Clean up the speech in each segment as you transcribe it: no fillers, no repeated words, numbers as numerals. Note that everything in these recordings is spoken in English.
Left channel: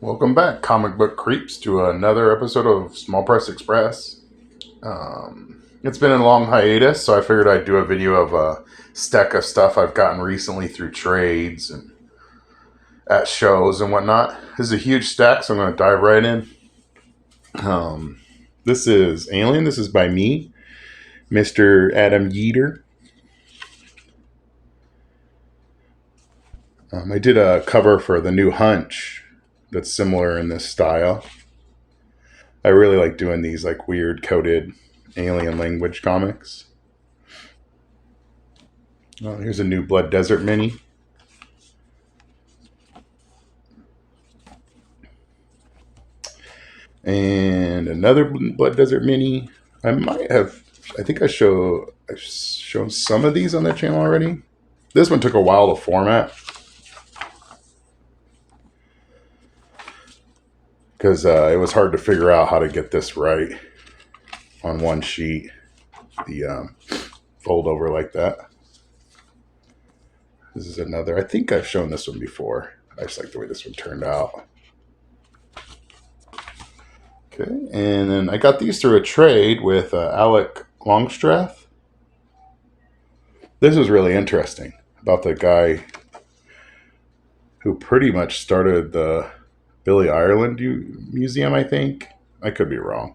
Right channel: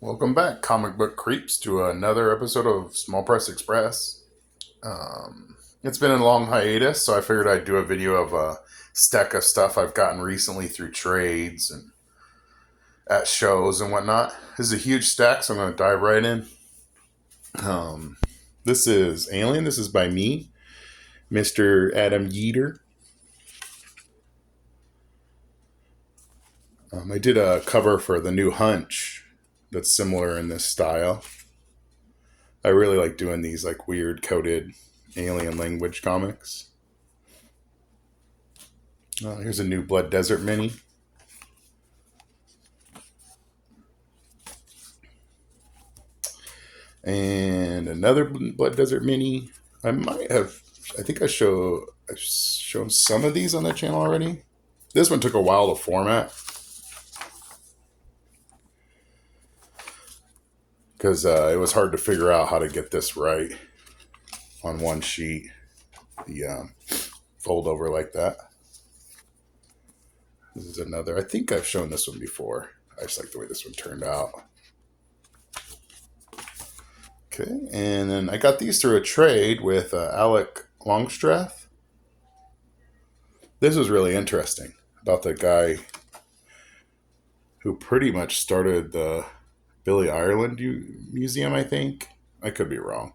Welcome back, Comic Book Creeps, to another episode of Small Press Express. It's been a long hiatus, so I figured I'd do a video of a stack of stuff I've gotten recently through trades and at shows and whatnot. This is a huge stack, so I'm going to dive right in. This is Alien. This is by me, Mr. Adam Yeater. I did a cover for the new Hunch that's similar in this style. I really like doing these like weird coded alien language comics. Here's a new Blood Desert mini. And another Blood Desert mini. I think I've shown some of these on the channel already. This one took a while to format because it was hard to figure out how to get this right on one sheet. The fold over like that. This is another. I think I've shown this one before. I just like the way this one turned out. Okay, and then I got these through a trade with Alec Longstreth. This was really interesting about the guy who pretty much started the Billy Ireland Museum, I think. I could be wrong.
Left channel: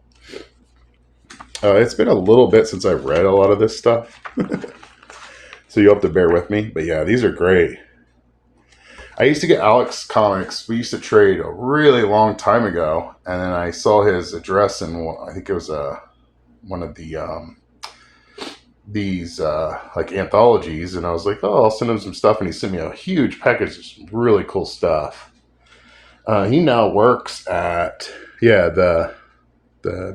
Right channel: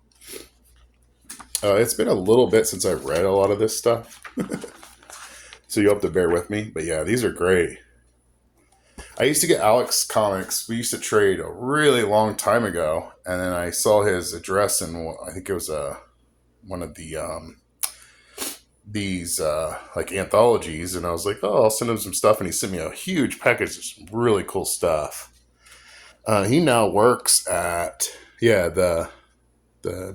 It's been a little bit since I've read a lot of this stuff. So you'll have to bear with me. But yeah, these are great. I used to get Alex comics. We used to trade a really long time ago. And then I saw his address in, I think it was one of the these like anthologies. And I was like, oh, I'll send him some stuff. And he sent me a huge package of some really cool stuff. He now works at, the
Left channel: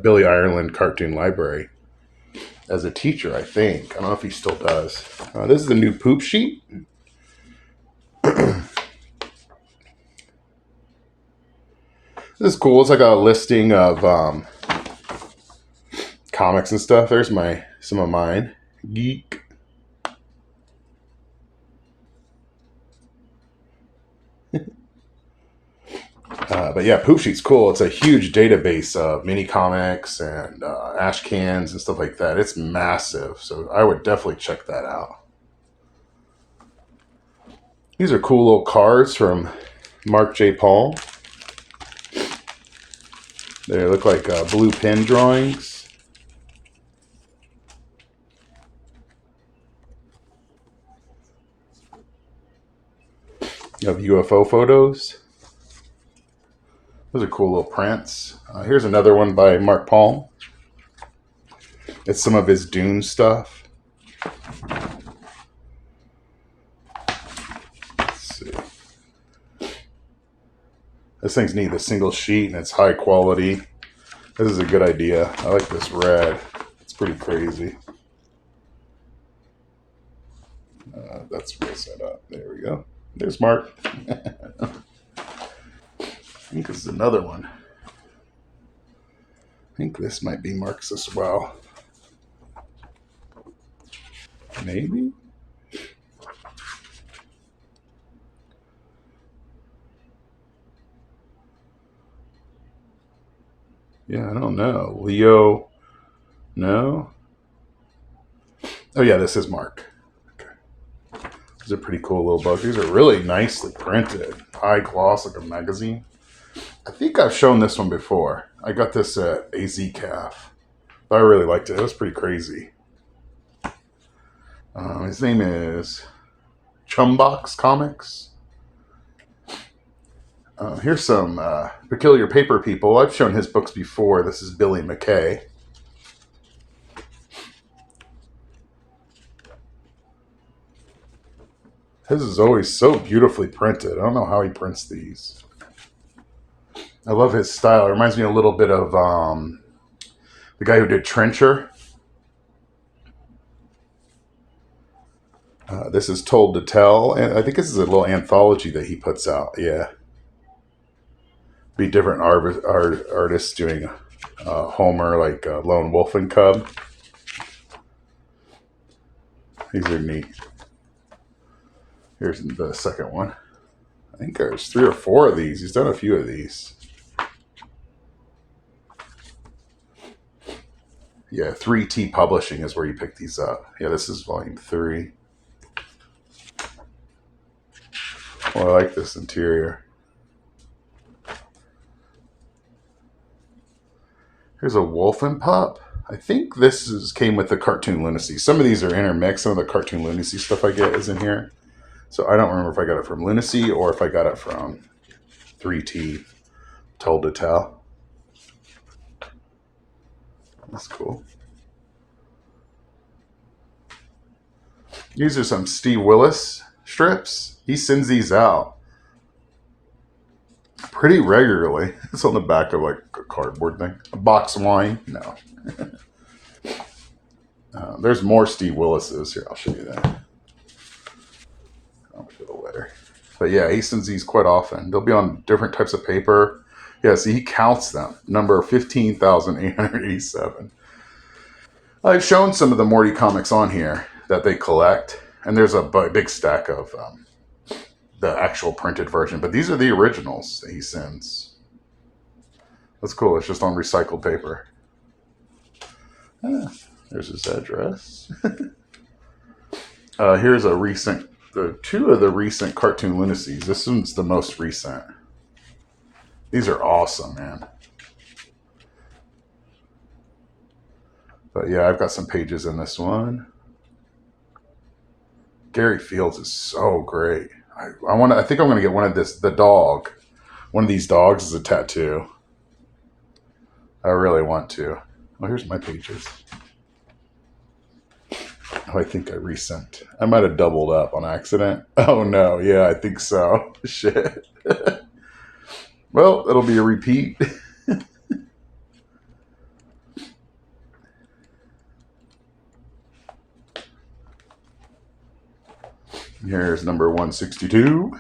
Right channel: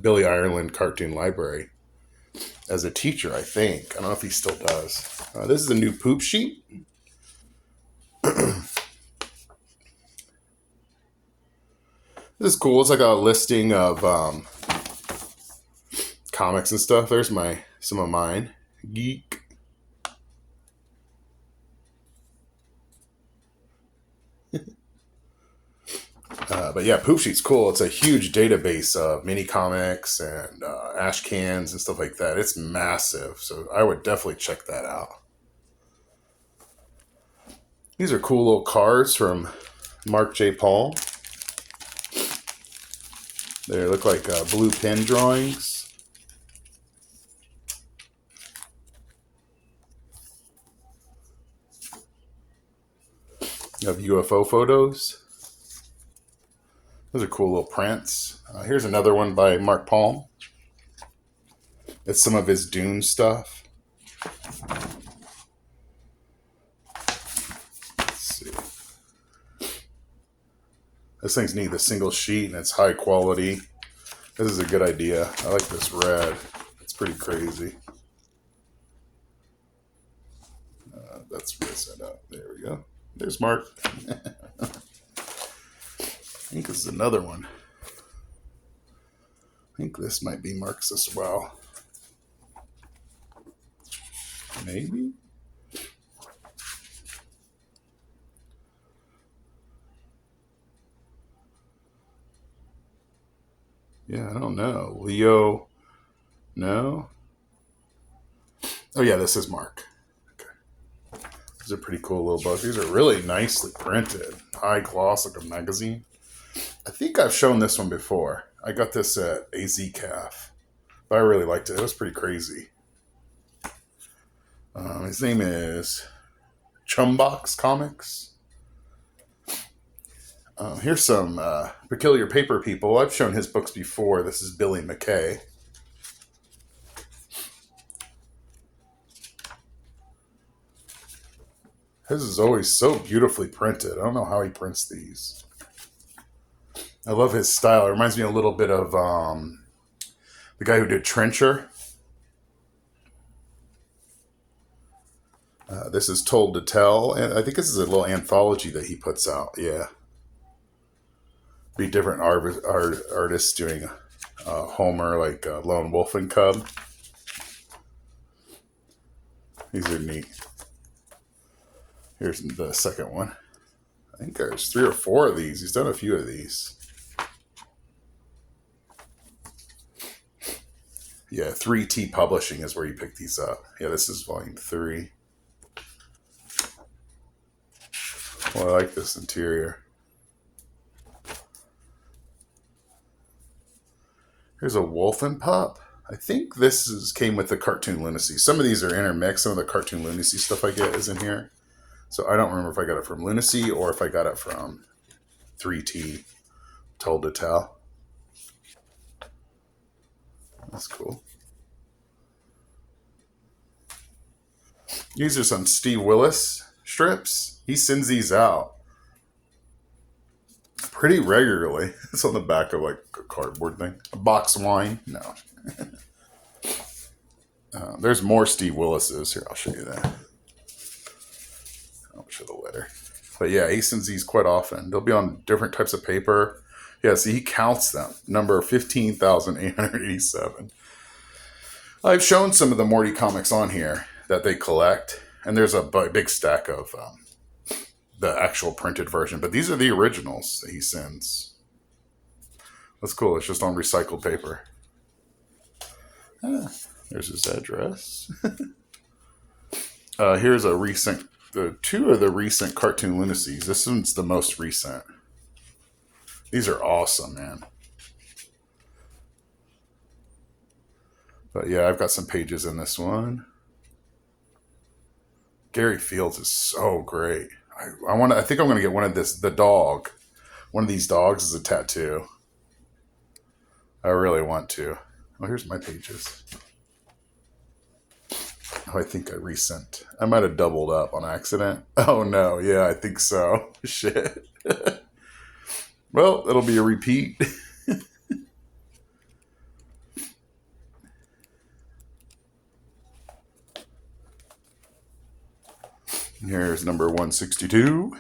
Billy Ireland Cartoon Library as a teacher, I think. I don't know if he still does. This is a new poop sheet. This is cool. It's like a listing of comics and stuff. There's some of mine. Geek. But yeah, Poop Sheet's cool. It's a huge database of mini comics and ash cans and stuff like that. It's massive, so I would definitely check that out. These are cool little cards from Mark J. Paul. They look like blue pen drawings. You have UFO photos. Those are cool little prints. Here's another one by Mark Paul. It's some of his Dune stuff. Let's see. This thing's neat. The single sheet and it's high quality. This is a good idea. I like this red. It's pretty crazy. That's real set up. There we go. There's Mark. I think this is another one. I think this might be Mark's as well. Maybe? Yeah, I don't know. Leo? No? Oh yeah, this is Mark. Okay. These are pretty cool little books. These are really nicely printed. High gloss, like a magazine. I think I've shown this one before. I got this at AZCAF. But I really liked it. It was pretty crazy. His name is Chumbox Comics. Here's some Peculiar Paper People. I've shown his books before. This is Billy McKay. His is always so beautifully printed. I don't know how he prints these. I love his style. It reminds me a little bit of the guy who did Trencher. This is Told to Tell. And I think this is a little anthology that he puts out. Yeah. Be different artists doing Homer, like Lone Wolf and Cub. These are neat. Here's the second one. I think there's 3 or 4 of these. He's done a few of these. Yeah, 3T Publishing is where you pick these up. Yeah, this is volume 3. Oh, I like this interior. Here's a Wolfen Pup. I think came with the Cartoon Lunacy. Some of these are intermixed. Some of the Cartoon Lunacy stuff I get is in here. So I don't remember if I got it from Lunacy or if I got it from 3T Told to Tell. That's cool. These are some Steve Willis strips. He sends these out pretty regularly. It's on the back of like a cardboard thing. A box of wine. No. There's more Steve Willis's. Here, I'll show you that. I'll show the letter. But yeah, he sends these quite often. They'll be on different types of paper. Yeah, see, he counts them. Number 15,887. I've shown some of the Morty comics on here that they collect. And there's a big stack of the actual printed version. But these are the originals that he sends. That's cool. It's just on recycled paper. There's his address. Here's a recent, 2 of the recent Cartoon Lunacies. This one's the most recent. These are awesome, man. But yeah, I've got some pages in this one. Gary Fields is so great. I think I'm going to get one of the dog. One of these dogs is a tattoo. I really want to. Oh, here's my pages. Oh, I think I resent. I might have doubled up on accident. Oh no, yeah, I think so. Shit. Well, it'll be a repeat. Here's number 162,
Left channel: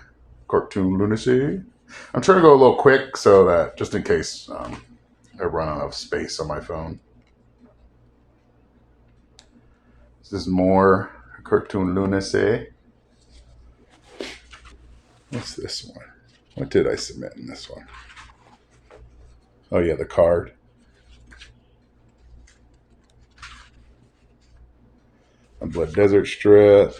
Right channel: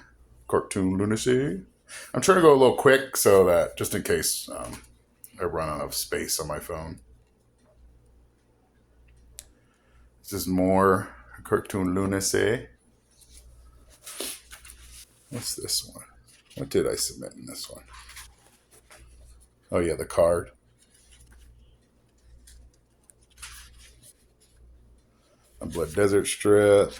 Cartoon Lunacy. I'm trying to go a little quick so that just in case I run out of space on my phone. This is more Cartoon Lunacy. What's this one? What did I submit in this one? Oh yeah, the card. A Blood Desert strip.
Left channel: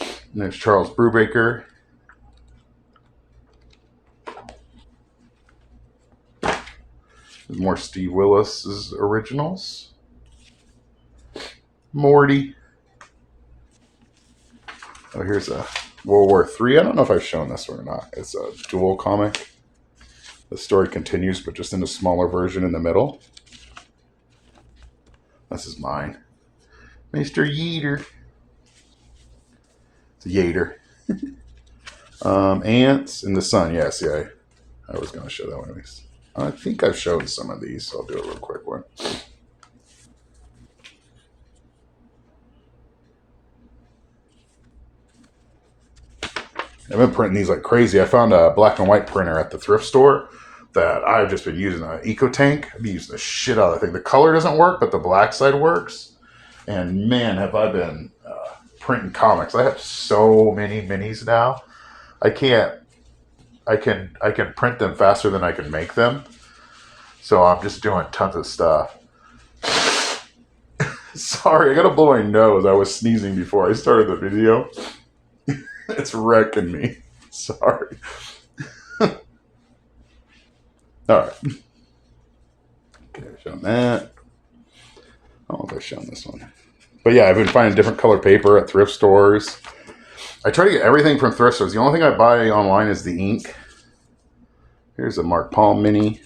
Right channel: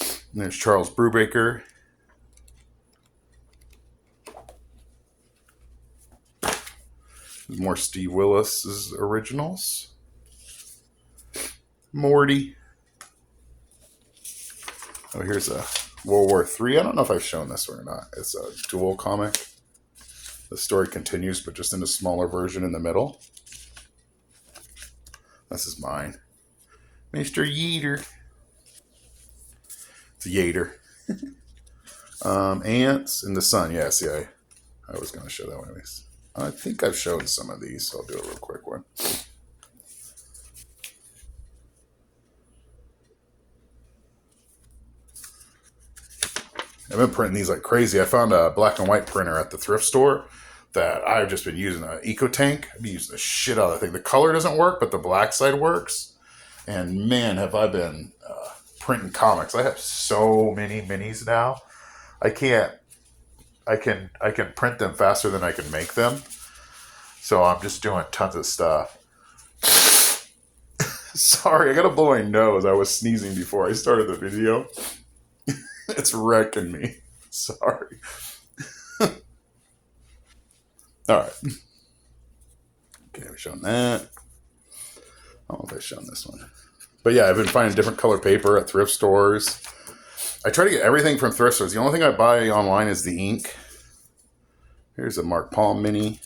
And there's Charles Brubaker. There's more Steve Willis's originals. Morty. Oh, here's a World War III. I don't know if I've shown this one or not. It's a dual comic. The story continues, but just in a smaller version in the middle. This is mine. Mr. Yeater. It's a Yater. Ants in the Sun. Yeah, see, I was going to show that one of these. I think I've shown some of these, so I'll do a real quick one. I've been printing these like crazy. I found a black and white printer at the thrift store that I've just been using, an EcoTank. I've been using the shit out of the thing. The color doesn't work, but the black side works. And man, have I been printing comics. I have so many minis now. I can print them faster than I can make them. So I'm just doing tons of stuff. Sorry, I gotta blow my nose. I was sneezing before I started the video. It's wrecking me. Sorry. Alright. Okay, I've shown that. I don't know if I've shown this one. But yeah, I've been finding different color paper at thrift stores. I try to get everything from thrift stores. The only thing I buy online is the ink. Here's a Mark Palm mini.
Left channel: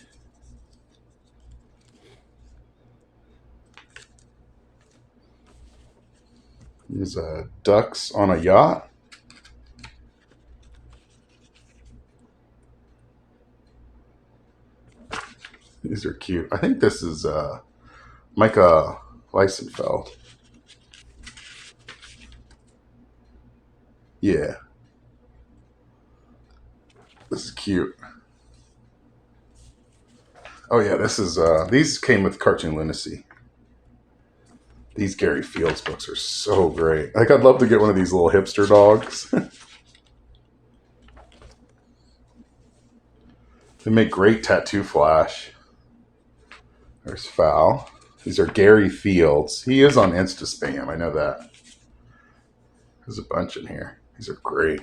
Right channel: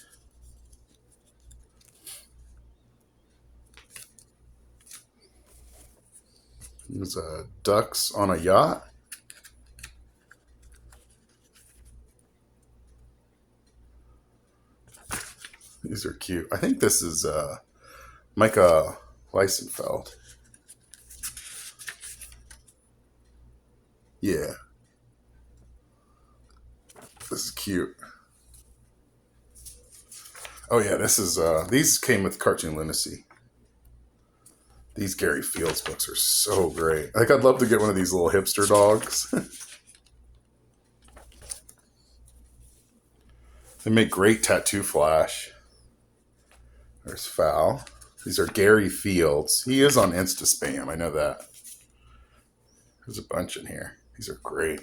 There's ducks on a yacht. These are cute. I think this is Micah Leisenfeld. Yeah. This is cute. Oh yeah, this is these came with Cartoon Lunacy. These Gary Fields books are so great. Like, I'd love to get one of these little hipster dogs. They make great tattoo flash. There's Foul. These are Gary Fields. He is on Instaspam. I know that. There's a bunch in here. These are great.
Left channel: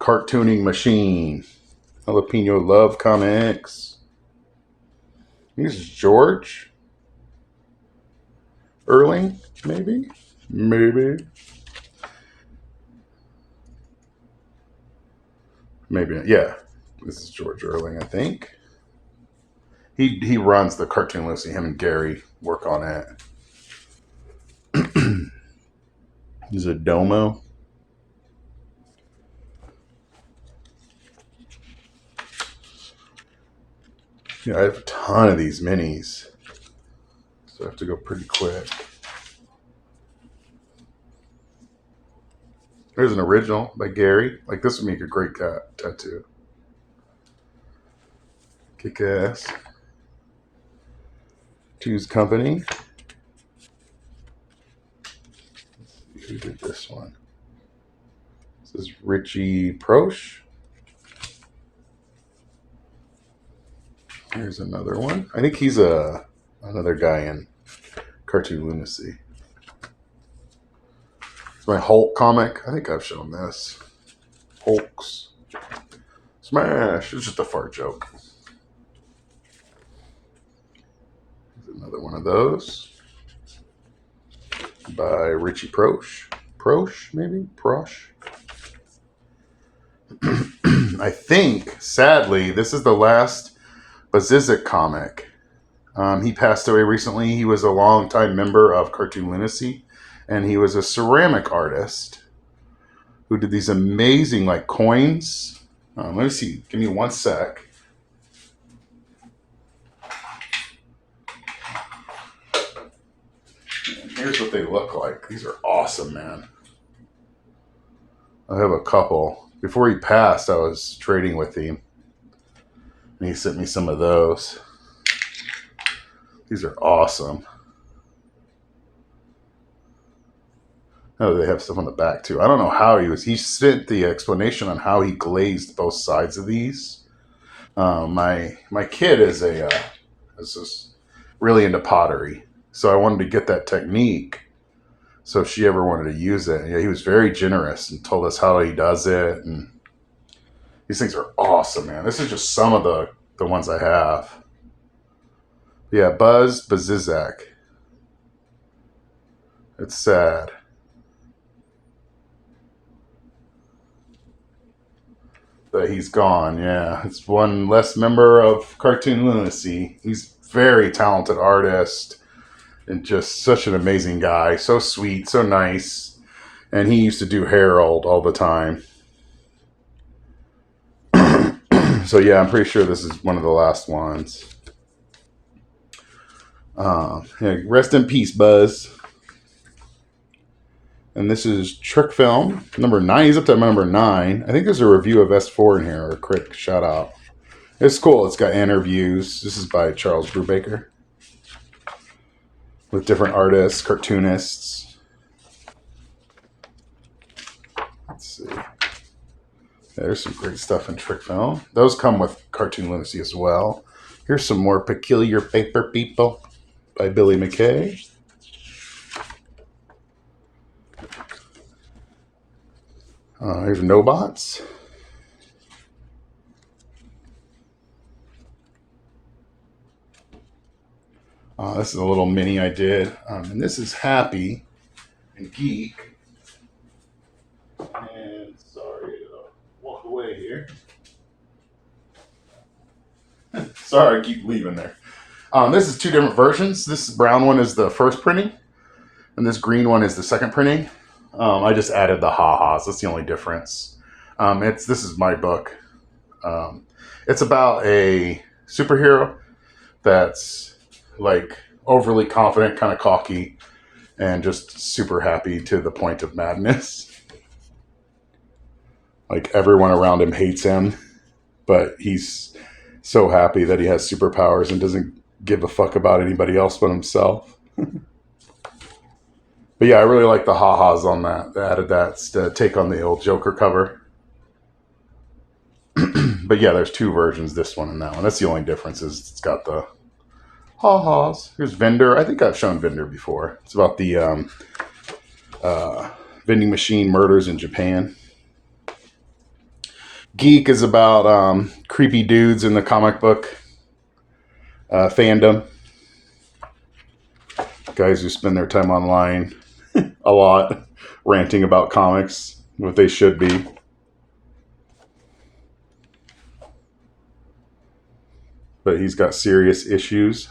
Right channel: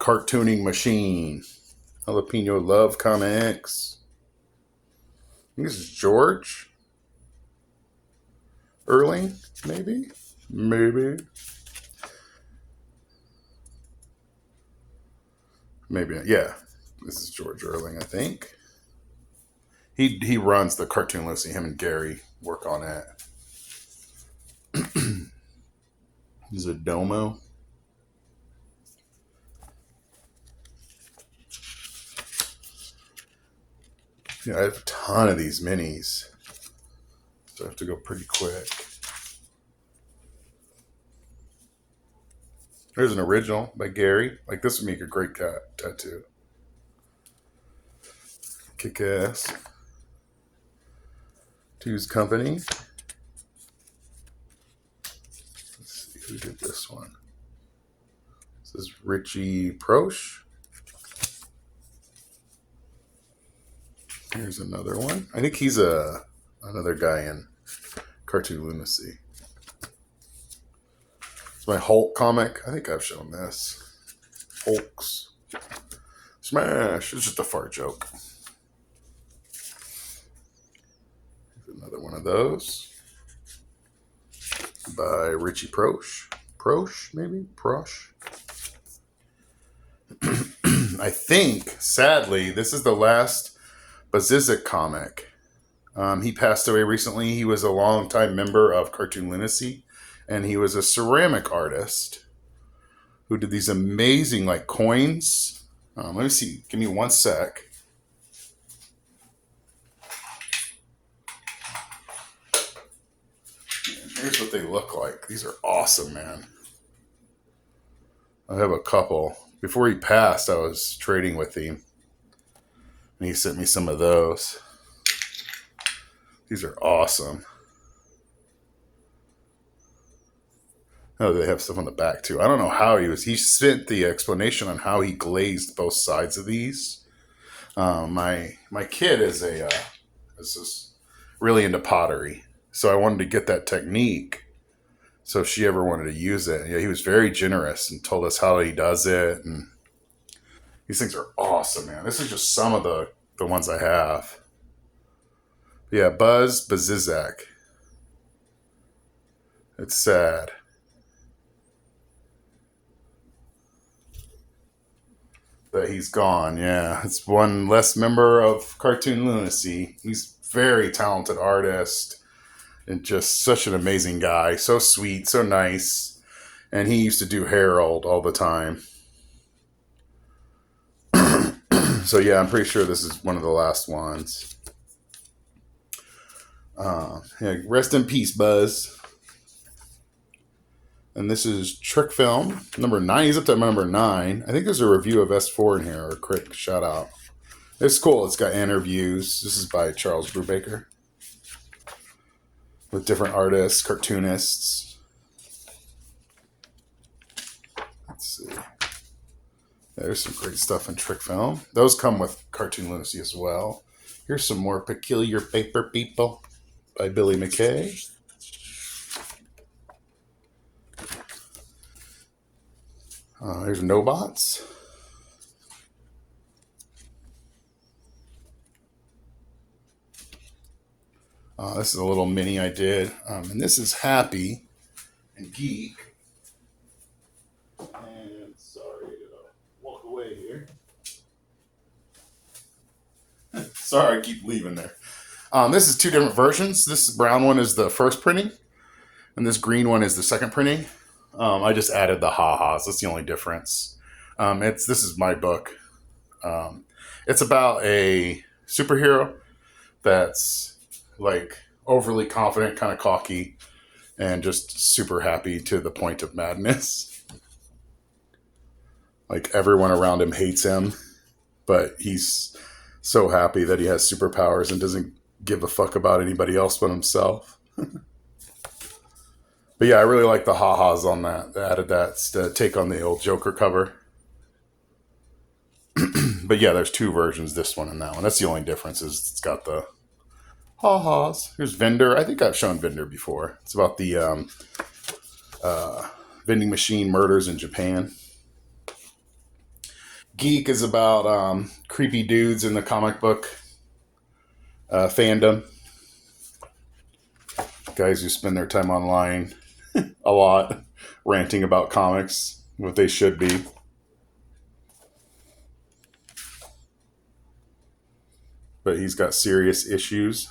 Cartooning Machine. Jalapeno Love Comics. This is George Erling, maybe? Maybe. Maybe, yeah. This is George Erling, I think. He runs the Cartoon Lucy. Him and Gary work on it. This is a Domo. Yeah, I have a ton of these minis, so I have to go pretty quick. Here's an original by Gary. Like, this would make a great cat tattoo. Kick ass. Two's Company. Let's see who did this one. This is Richie Proch. Here's another one. I think he's another guy in Cartoon Lunacy. It's my Hulk comic. I think I've shown this. Hulks. Smash. It's just a fart joke. Here's another one of those. By Richie Proch. Proch, maybe? Proch. I think, sadly, this is the last Bazizik comic. He passed away recently. He was a longtime member of Cartoon Lunacy, and he was a ceramic artist who did these amazing like coins. Let me see. Give me one sec. And here's what they look like. These are awesome, man. I have a couple. Before he passed, I was trading with him, and he sent me some of those. These are awesome. Oh, they have stuff on the back too. I don't know how he sent the explanation on how he glazed both sides of these. My kid is just really into pottery, so I wanted to get that technique. So if she ever wanted to use it, yeah, he was very generous and told us how he does it. And these things are awesome, man. This is just some of the ones I have. Yeah, Buzz Bazizak. It's sad. But he's gone, yeah. It's one less member of Cartoon Lunacy. He's a very talented artist and just such an amazing guy. So sweet, so nice. And he used to do Harold all the time. So yeah, I'm pretty sure this is one of the last ones. Yeah, rest in peace, Buzz. And this is Trick Film, number 9. He's up to number 9. I think there's a review of S4 in here, or a quick shout out. It's cool. It's got interviews. This is by Charles Brubaker. With different artists, cartoonists. Let's see. There's some great stuff in Trick Film. Those come with Cartoon Lunacy as well. Here's some more Peculiar Paper People by Billy McKay. Here's Nobots. This is a little mini I did. And this is Happy and Geek. And sorry to walk away here. Sorry, I keep leaving there. This is two different versions. This brown one is the first printing, and this green one is the second printing. I just added the ha-has. That's the only difference. This is my book. It's about a superhero that's like overly confident, kind of cocky, and just super happy to the point of madness. Like everyone around him hates him, but he's So happy that he has superpowers and doesn't give a fuck about anybody else but himself. But yeah, I really like the ha-has on that. They added that to take on the old Joker cover. But yeah, there's two versions, this one and that one. That's the only difference is it's got the ha-has. Here's Vendor. I think I've shown Vendor before. It's about the vending machine murders in Japan. Geek is about creepy dudes in the comic book fandom. Guys who spend their time online a lot ranting about comics, what they should be. But he's got serious issues.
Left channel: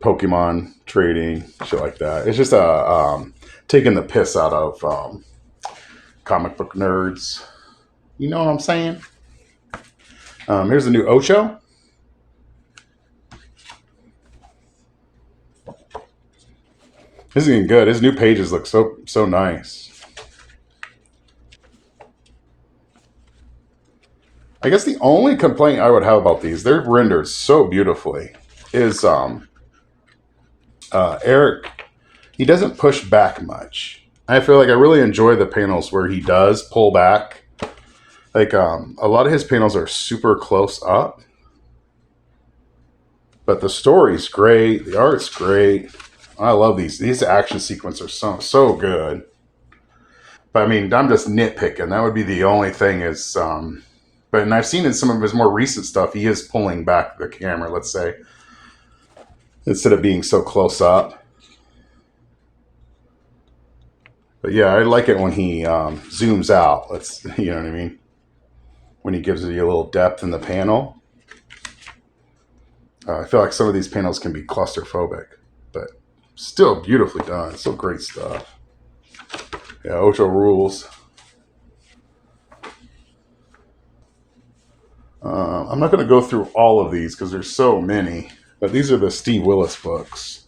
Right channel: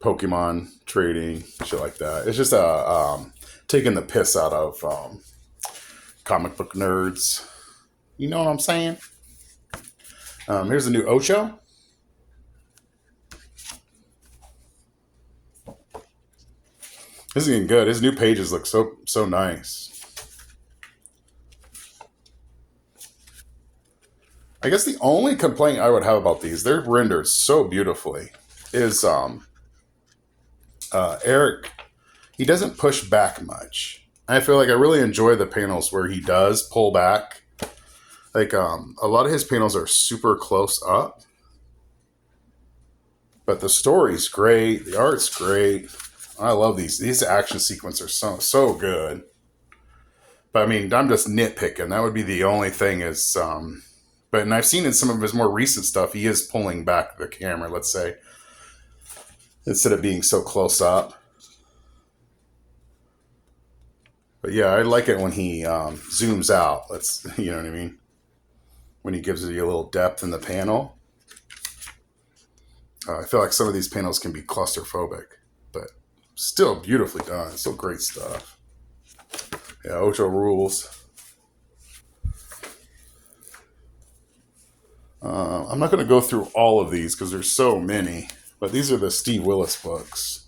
Pokemon trading, shit like that. It's just taking the piss out of comic book nerds. You know what I'm saying? Here's the new Ocho. This is getting good. His new pages look so nice. I guess the only complaint I would have about these, they're rendered so beautifully, is Eric. He doesn't push back much. I feel like I really enjoy the panels where he does pull back. Like a lot of his panels are super close up, but the story's great. The art's great. I love these. These action sequences are so good. But I mean, I'm just nitpicking. That would be the only thing is, but I've seen in some of his more recent stuff, he is pulling back the camera, let's say, instead of being so close up. But yeah, I like it when he zooms out. You know what I mean? When he gives you a little depth in the panel. I feel like some of these panels can be claustrophobic, but still beautifully done. Still great stuff. Yeah, Ocho rules. I'm not going to go through all of these because there's so many, but these are the Steve Willis books.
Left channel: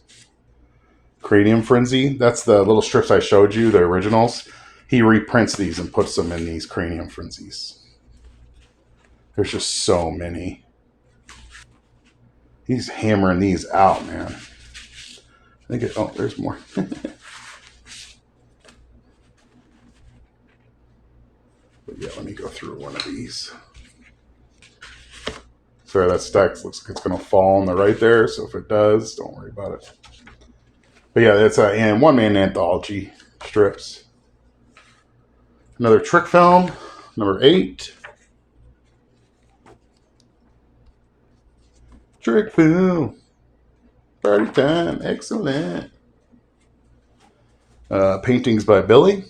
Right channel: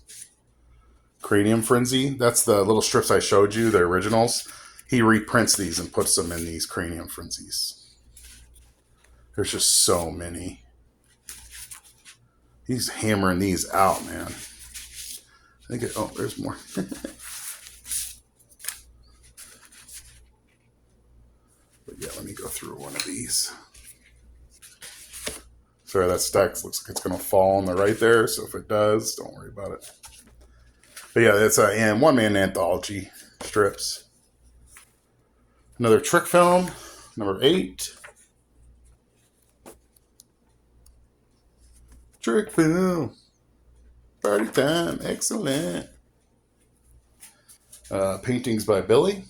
Cranium Frenzy, that's the little strips I showed you, the originals. He reprints these and puts them in these Cranium Frenzies. There's just so many. He's hammering these out, man. Oh, there's more. But yeah, let me go through one of these. Sorry, that stack looks like it's going to fall on the right there, so if it does, don't worry about it. But yeah, that's a one-man anthology strips. Another trick film, number 8. Trick film. Party time. Excellent. Paintings by Billy.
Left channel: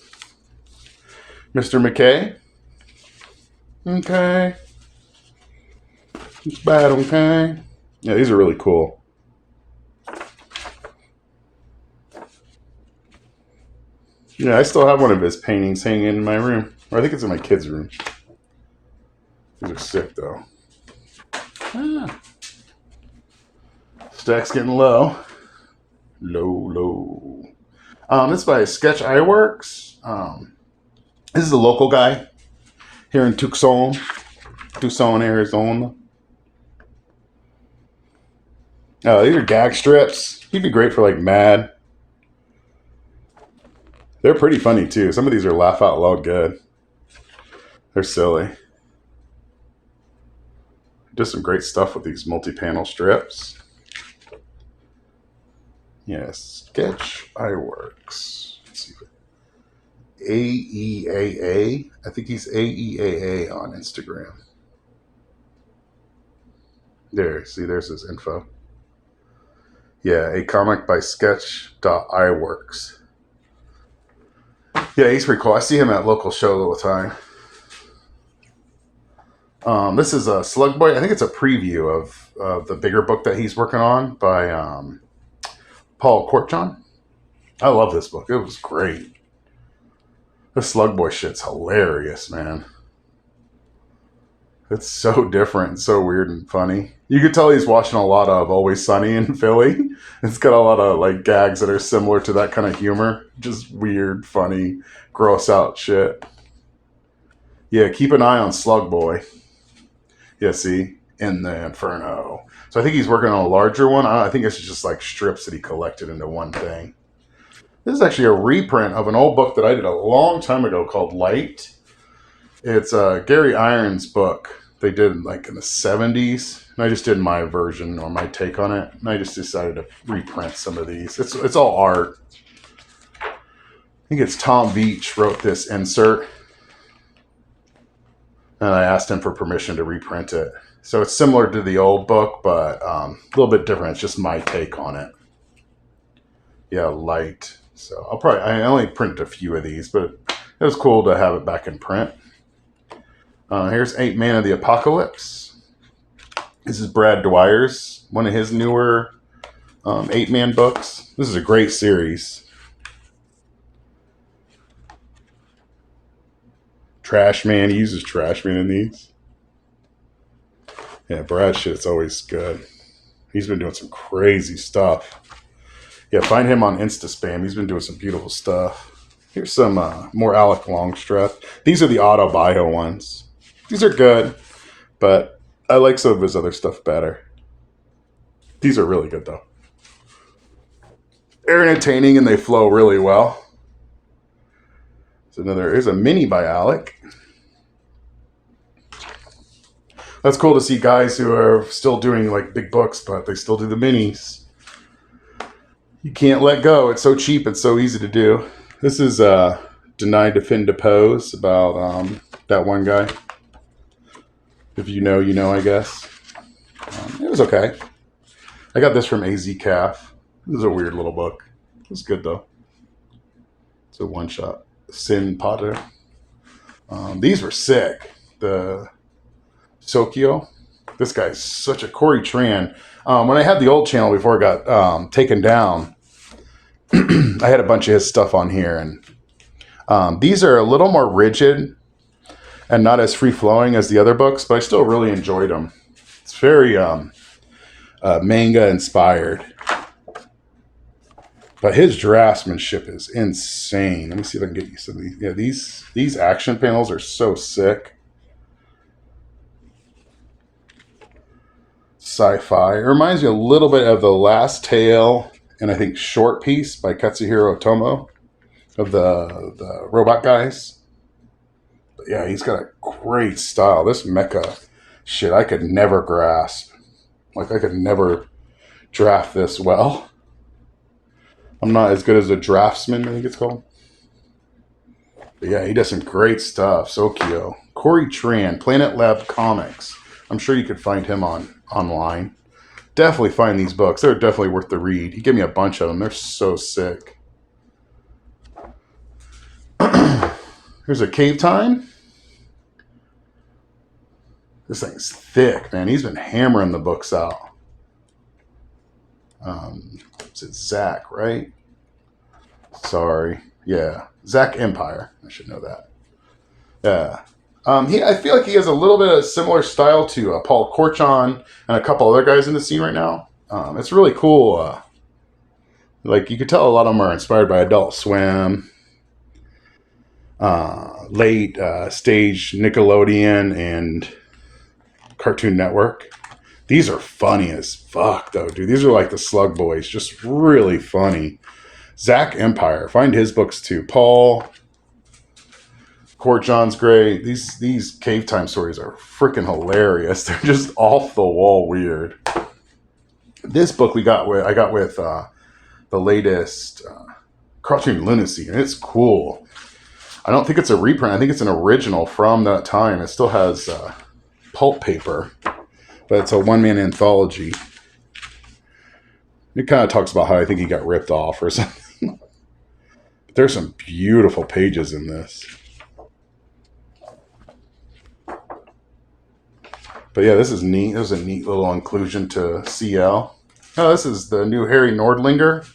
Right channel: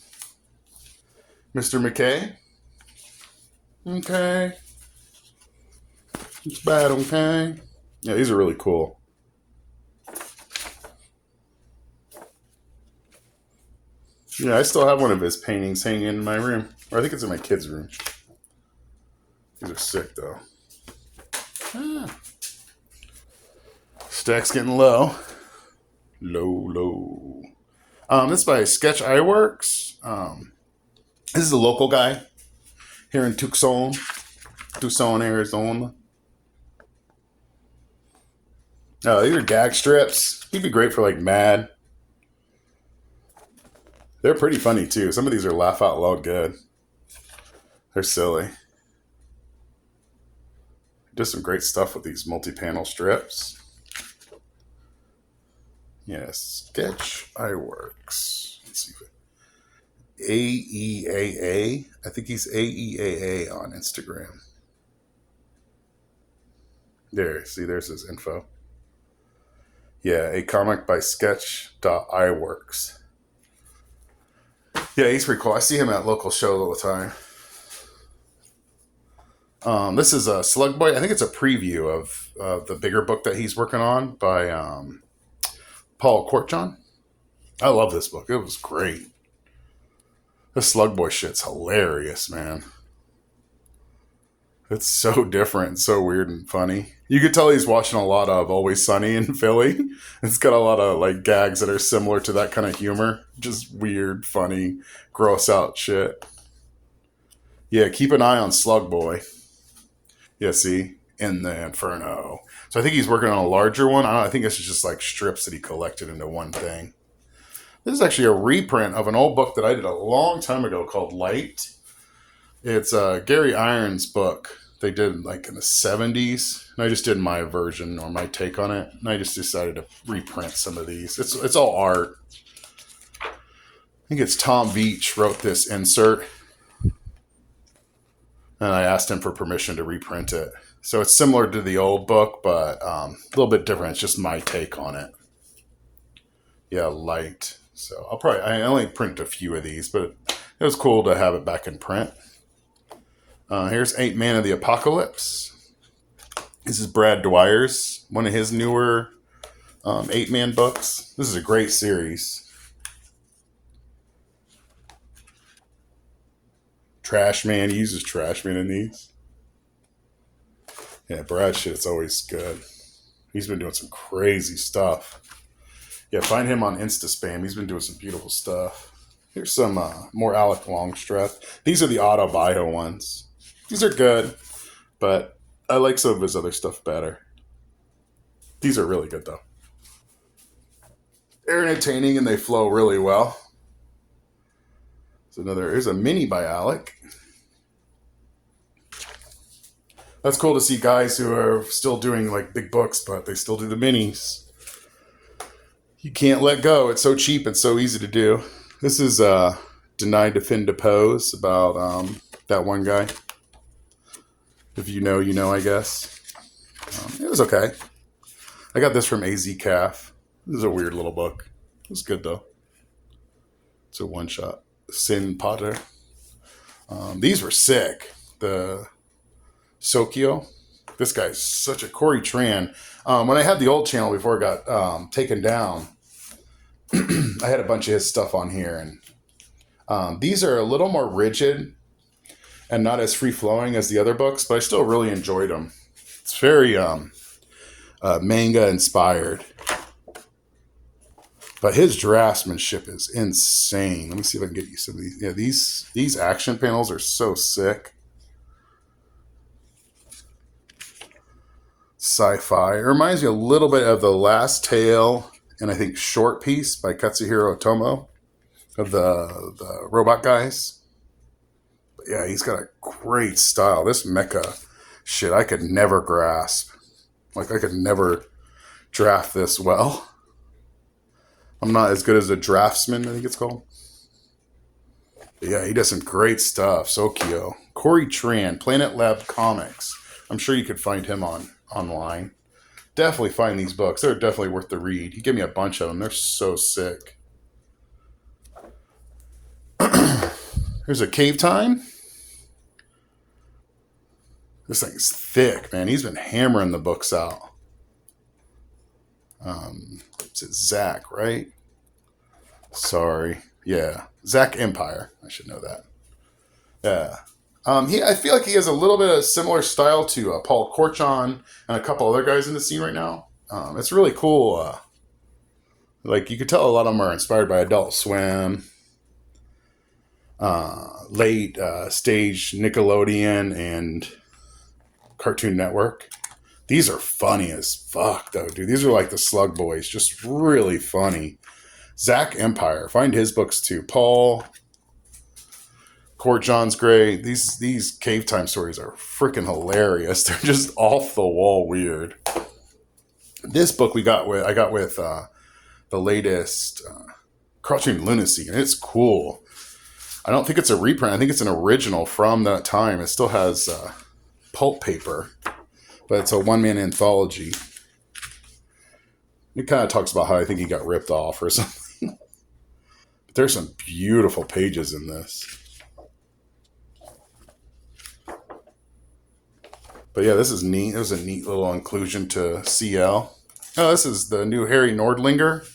Mr. McKay. Okay. It's bad, okay? Yeah, these are really cool. Yeah, I still have one of his paintings hanging in my room. I think it's in my kid's room. These are sick, though. Stack's getting low. Low. This is by Sketch Ironworks. This is a local guy here in Tucson, Arizona. These are gag strips. He'd be great for like Mad. They're pretty funny too. Some of these are laugh out loud good. They're silly. Does some great stuff with these multi-panel strips. Yes, Sketch Ironworks. Let's see. AEAA. I think he's AEAA on Instagram. There, see, there's his info. Yeah, a comic by Sketch.iWorks. Yeah, he's pretty cool. I see him at local shows all the time. This is a Slug Boy. I think it's a preview of the bigger book that he's working on by Paul Kortchon. I love this book. It was great. The Slug Boy shit's hilarious, man. It's so different, so weird and funny. You could tell he's watching a lot of Always Sunny in Philly. It's got a lot of like gags that are similar to that kind of humor. Just weird, funny, gross out shit. Yeah, keep an eye on Slug Boy. Yeah, see? in the Inferno. So I think he's working on a larger one. I think this is just like strips that he collected into one thing. This is actually a reprint of an old book that I did a long time ago called Light. It's Gary Irons' book they did like in the 70s. And I just did my version or my take on it. And I just decided to reprint some of these. It's all art. I think it's Tom Veach wrote this insert. And I asked him for permission to reprint it. So it's similar to the old book, but a little bit different. It's just my take on it. Yeah, Light. So I only printed a few of these, but it was cool to have it back in print. Here's 8 Man of the Apocalypse. This is Brad Dwyer's, one of his newer 8-man books. This is a great series. Trash Man, he uses Trash Man in these. Yeah, Brad shit's always good. He's been doing some crazy stuff. Yeah, find him on Instaspam. He's been doing some beautiful stuff. Here's some more Alec Longstreth. These are the Autobio ones. These are good, but I like some of his other stuff better. These are really good, though. They're entertaining and they flow really well. So here's a mini by Alec. That's cool to see guys who are still doing like big books, but they still do the minis. You can't let go. It's so cheap and so easy to do. This is Deny, Defend, Depose about that one guy. If you know, you know, I guess. It was okay. I got this from AZ Calf. This is a weird little book. It was good, though. It's a one-shot. Sin Potter. These were sick. The Sokyo. This guy's such a Corey Tran. When I had the old channel before it got taken down, I had a bunch of his stuff on here. And these are a little more rigid and not as free-flowing as the other books, but I still really enjoyed them. It's very manga-inspired. But his draftsmanship is insane. Let me see if I can get you some of these. Yeah, these action panels are so sick. Sci-fi. It reminds me a little bit of The Last Tale and I think Short Piece by Katsuhiro Otomo of the robot guys. Yeah, he's got a great style. This mecha shit, I could never grasp. Like, I could never draft this well. I'm not as good as a draftsman, I think it's called. But yeah, he does some great stuff. Sokyo. Corey Tran, Planet Lab Comics. I'm sure you could find him online. Definitely find these books. They're definitely worth the read. He gave me a bunch of them. They're so sick. Here's a Cave Time. This thing's thick, man. He's been hammering the books out. It's Zach, right? Sorry. Yeah. Zach Empire. I should know that. Yeah. I feel like he has a little bit of similar style to Paul Korchon and a couple other guys in the scene right now. It's really cool. Like, you could tell a lot of them are inspired by Adult Swim, late stage Nickelodeon, and Cartoon Network. These are funny as fuck, though, dude. These are like the Slug Boys, just really funny. Zach Empire, find his books too. Paul Korchon's great. These Cave Time stories are freaking hilarious. They're just off the wall weird. This book I got with the latest Crouching Lunacy, and it's cool. I don't think it's a reprint. I think it's an original from that time. It still has pulp paper, but it's a one-man anthology. It kind of talks about how I think he got ripped off or something. But there's some beautiful pages in this. But yeah, this is neat. There's a neat little inclusion to CL. Oh, this is the new Harry Nordlinger.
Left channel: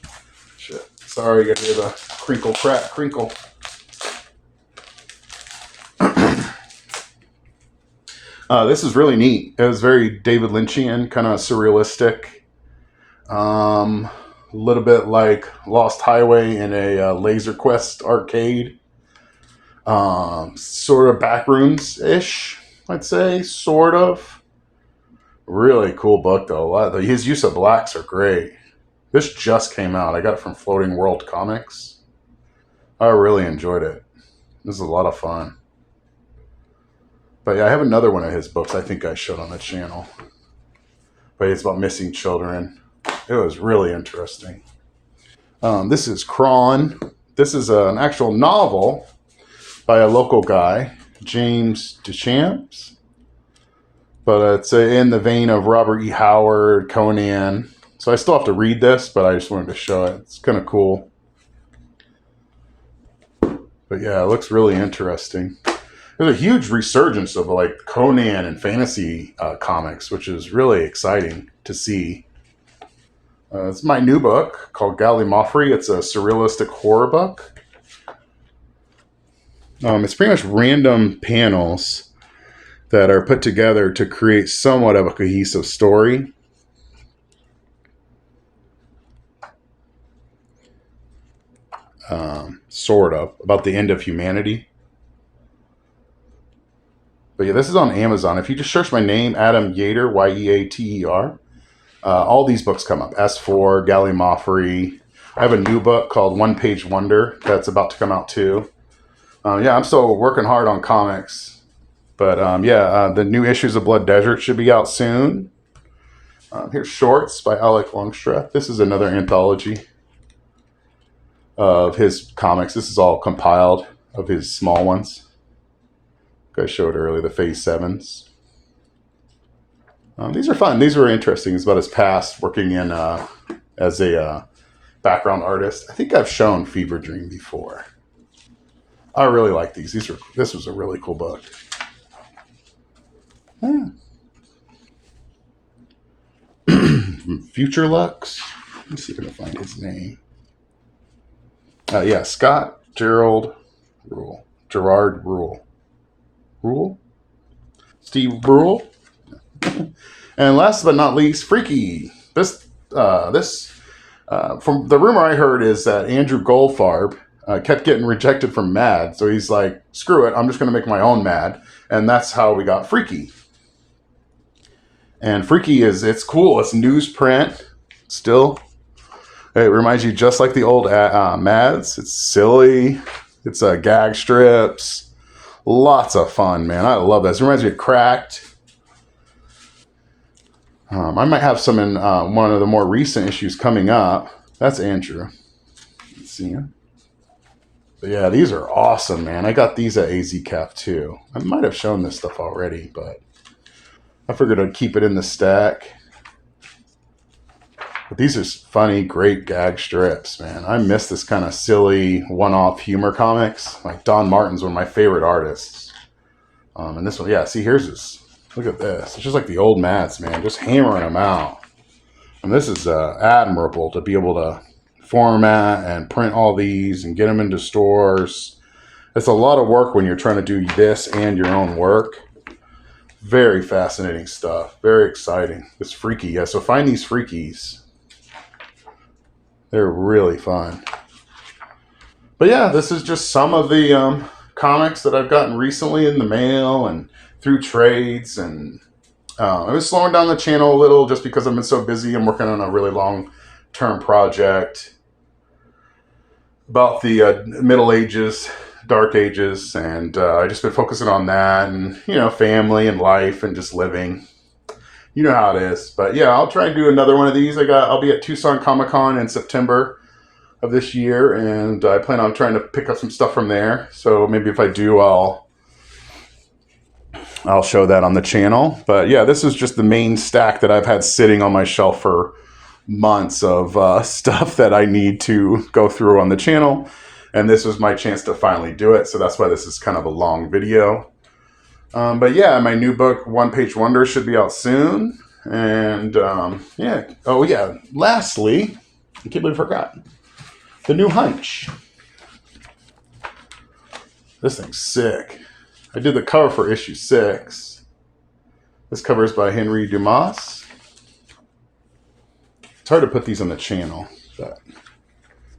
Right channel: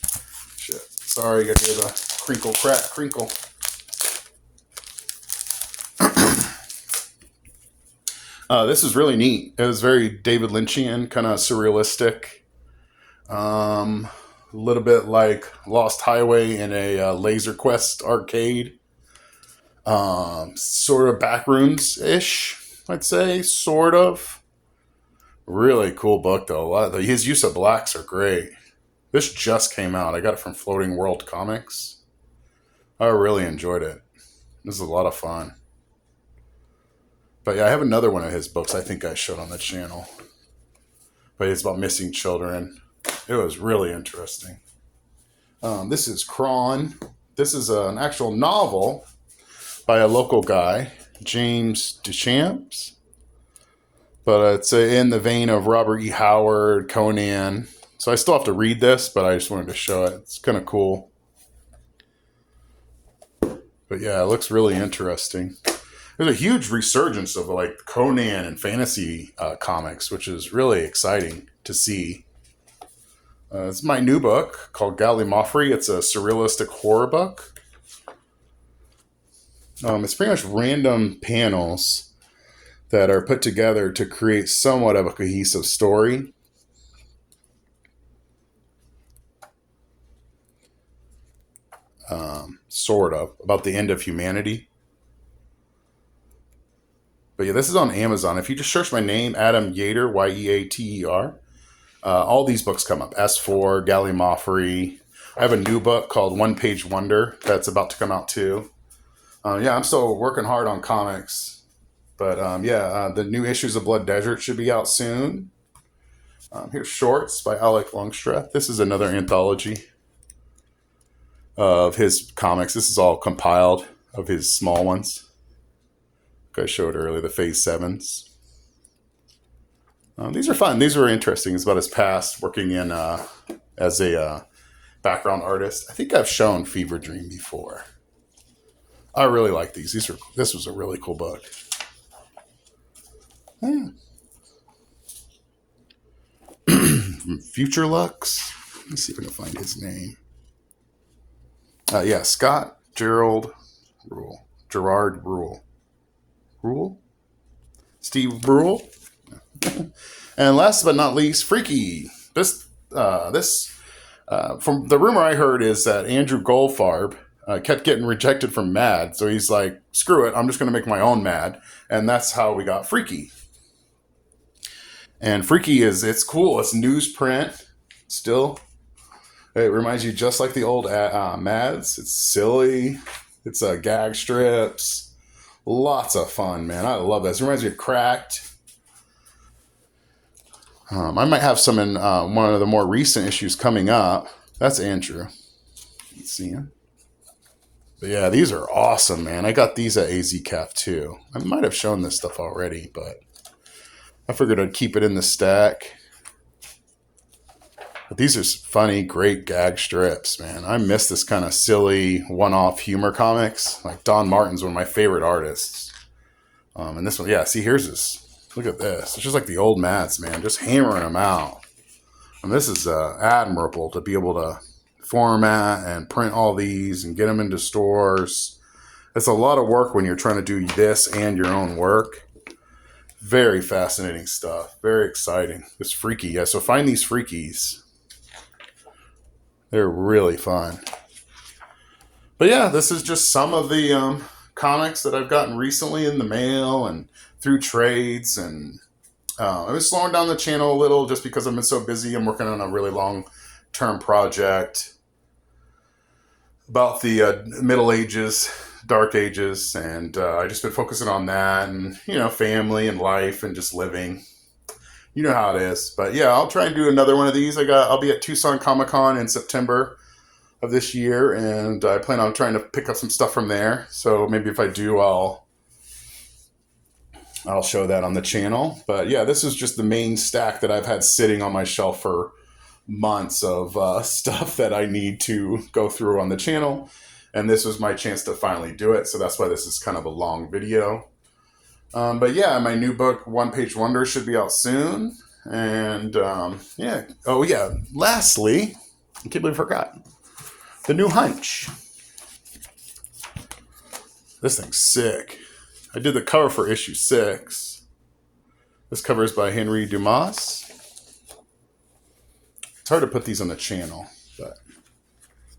Shit. Sorry, you got to hear the crinkle, crack, crinkle. This is really neat. It was very David Lynchian, kind of surrealistic. A little bit like Lost Highway in a Laser Quest arcade. Sort of Backrooms-ish, I'd say, sort of. Really cool book though. His use of blacks are great. This just came out. I got it from Floating World Comics. I really enjoyed it. This is a lot of fun. But yeah, I have another one of his books I think I showed on the channel. But it's about missing children. It was really interesting. This is Crawn. This is an actual novel by a local guy, James Deschamps. But it's in the vein of Robert E. Howard, Conan. So I still have to read this, but I just wanted to show it. It's kind of cool. But yeah, it looks really interesting. There's a huge resurgence of like Conan and fantasy comics, which is really exciting to see. It's my new book called Gallimaufry. It's a surrealistic horror book. It's pretty much random panels that are put together to create somewhat of a cohesive story. Sort of, about the end of humanity. But yeah, this is on Amazon. If you just search my name, Adam Yeater, Yeater, all these books come up. S4, Gallimaufry. I have a new book called One Page Wonder that's about to come out too. Yeah, I'm still working hard on comics. But the new issues of Blood Desert should be out soon. Here's Shorts by Alec Longstreth. This is another anthology of his comics. This is all compiled of his small ones. I showed earlier, the Phase 7s. These are fun. These were interesting. It's about his past working in as a background artist. I think I've shown Fever Dream before. I really like these. This was a really cool book. Yeah. Future Lux. Let's see if I can find his name. Scott Gerard Rule. Steve Brule. And last but not least, Freaky. This from the rumor I heard is that Andrew Goldfarb kept getting rejected from Mad, so he's like, screw it, I'm just going to make my own Mad, and that's how we got Freaky. And Freaky it's cool. It's newsprint still. It reminds you just like the old Mads. It's silly. It's gag strips. Lots of fun, man. I love this. It reminds me of Cracked. I might have some in one of the more recent issues coming up. That's Andrew. Let's see him. But yeah, these are awesome, man. I got these at AZCAF too. I might have shown this stuff already, but I figured I'd keep it in the stack. But these are funny, great gag strips, man. I miss this kind of silly, one-off humor comics. Like Don Martin's one of my favorite artists. And this one, here's this. Look at this. It's just like the old Mads, man. Just hammering them out. And this is admirable to be able to format and print all these and get them into stores. It's a lot of work when you're trying to do this and your own work. Very fascinating stuff. Very exciting. It's freaky. Yeah, so find these freakies. They're really fun. But yeah, this is just some of the comics that I've gotten recently in the mail and through trades. And I was slowing down the channel a little just because I've been so busy. I'm working on a really long-term project about the Middle Ages, Dark Ages, and I just been focusing on that and, family and life and just living. You know how it is. But yeah, I'll try and do another one of these. I'll be at Tucson Comic-Con in September of this year, and I plan on trying to pick up some stuff from there. So maybe if I do, I'll show that on the channel. But yeah, this is just the main stack that I've had sitting on my shelf for months of stuff that I need to go through on the channel. And this was my chance to finally do it. So that's why this is kind of a long video. But yeah, my new book, One Page Wonder, should be out soon. And yeah. Oh yeah. Lastly, I can't believe I forgot. The new Hunch. This thing's sick. I did the cover for issue 6. This cover is by Henry Dumas. It's hard to put these on the channel, but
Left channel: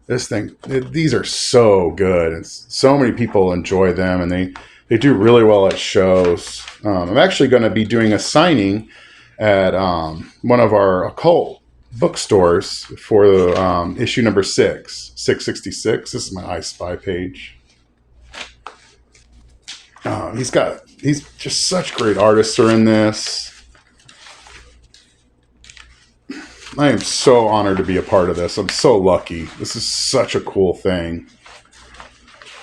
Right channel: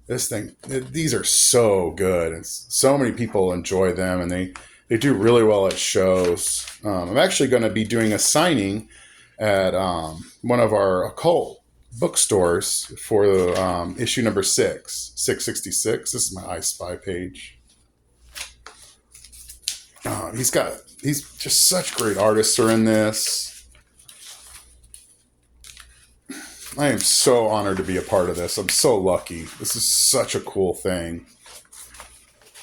this thing, these are so good. So many people enjoy them, and they do really well at shows. I'm actually going to be doing a signing at one of our occult bookstores for the issue number 666. This is my I Spy page. He's just such great artists are in this. I am so honored to be a part of this. I'm so lucky. This is such a cool thing.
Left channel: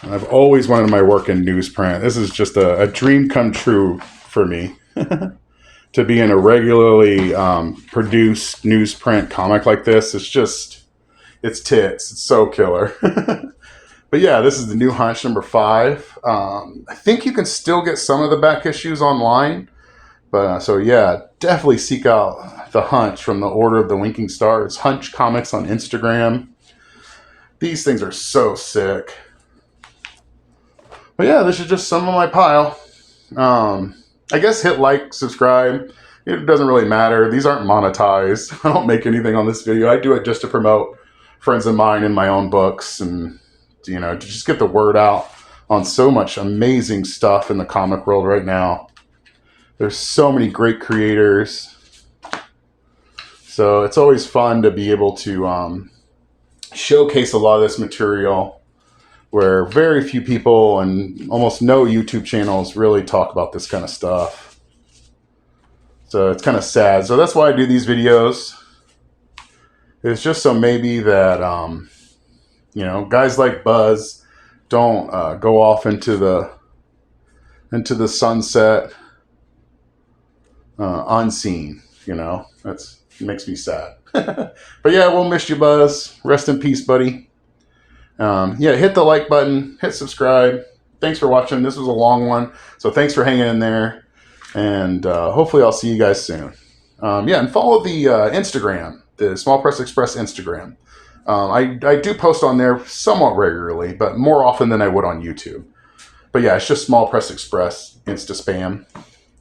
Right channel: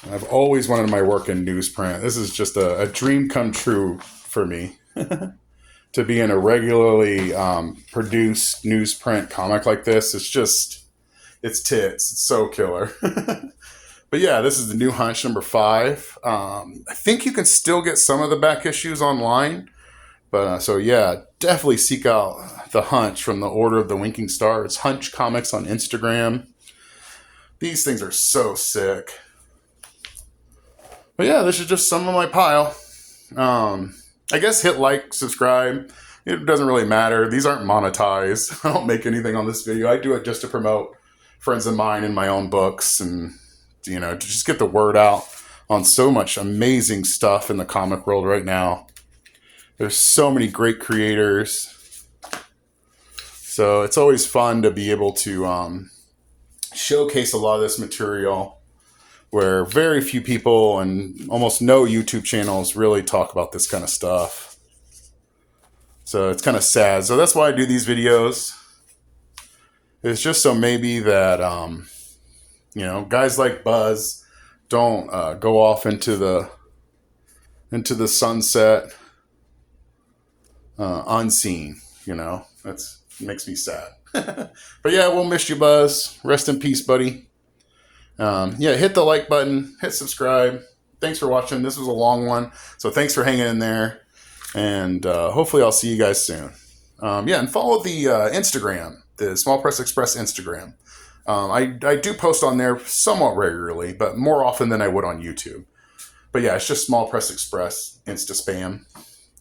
And I've always wanted my work in newsprint. This is just a dream come true for me. To be in a regularly produced newsprint comic like this. It's tits. It's so killer. But yeah, this is the new Hunch number 5. I think you can still get some of the back issues online. But so yeah, definitely seek out the Hunch from the Order of the Winking Star. It's Hunch Comics on Instagram. These things are so sick. But yeah, this is just some of my pile. I guess hit like, subscribe. It doesn't really matter. These aren't monetized. I don't make anything on this video. I do it just to promote friends of mine and my own books and, to just get the word out on so much amazing stuff in the comic world right now. There's so many great creators. So it's always fun to be able to showcase a lot of this material where very few people and almost no YouTube channels really talk about this kind of stuff. So it's kind of sad. So that's why I do these videos. It's just so maybe that, guys like Buzz don't go off into the sunset unseen. That makes me sad. But yeah, we'll miss you, Buzz. Rest in peace, buddy. Hit the like button, hit subscribe. Thanks for watching. This was a long one, so thanks for hanging in there. And hopefully I'll see you guys soon. And follow the Instagram, the Small Press Express Instagram. I do post on there somewhat regularly, but more often than I would on YouTube. But yeah, it's just Small Press Express, Insta Spam.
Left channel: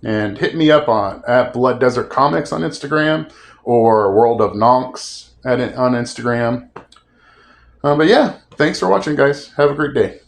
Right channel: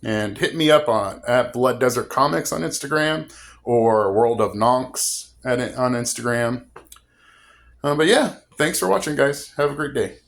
And hit me up at Blood Desert Comics on Instagram or World of Nonks on Instagram. But yeah, thanks for watching, guys. Have a great day.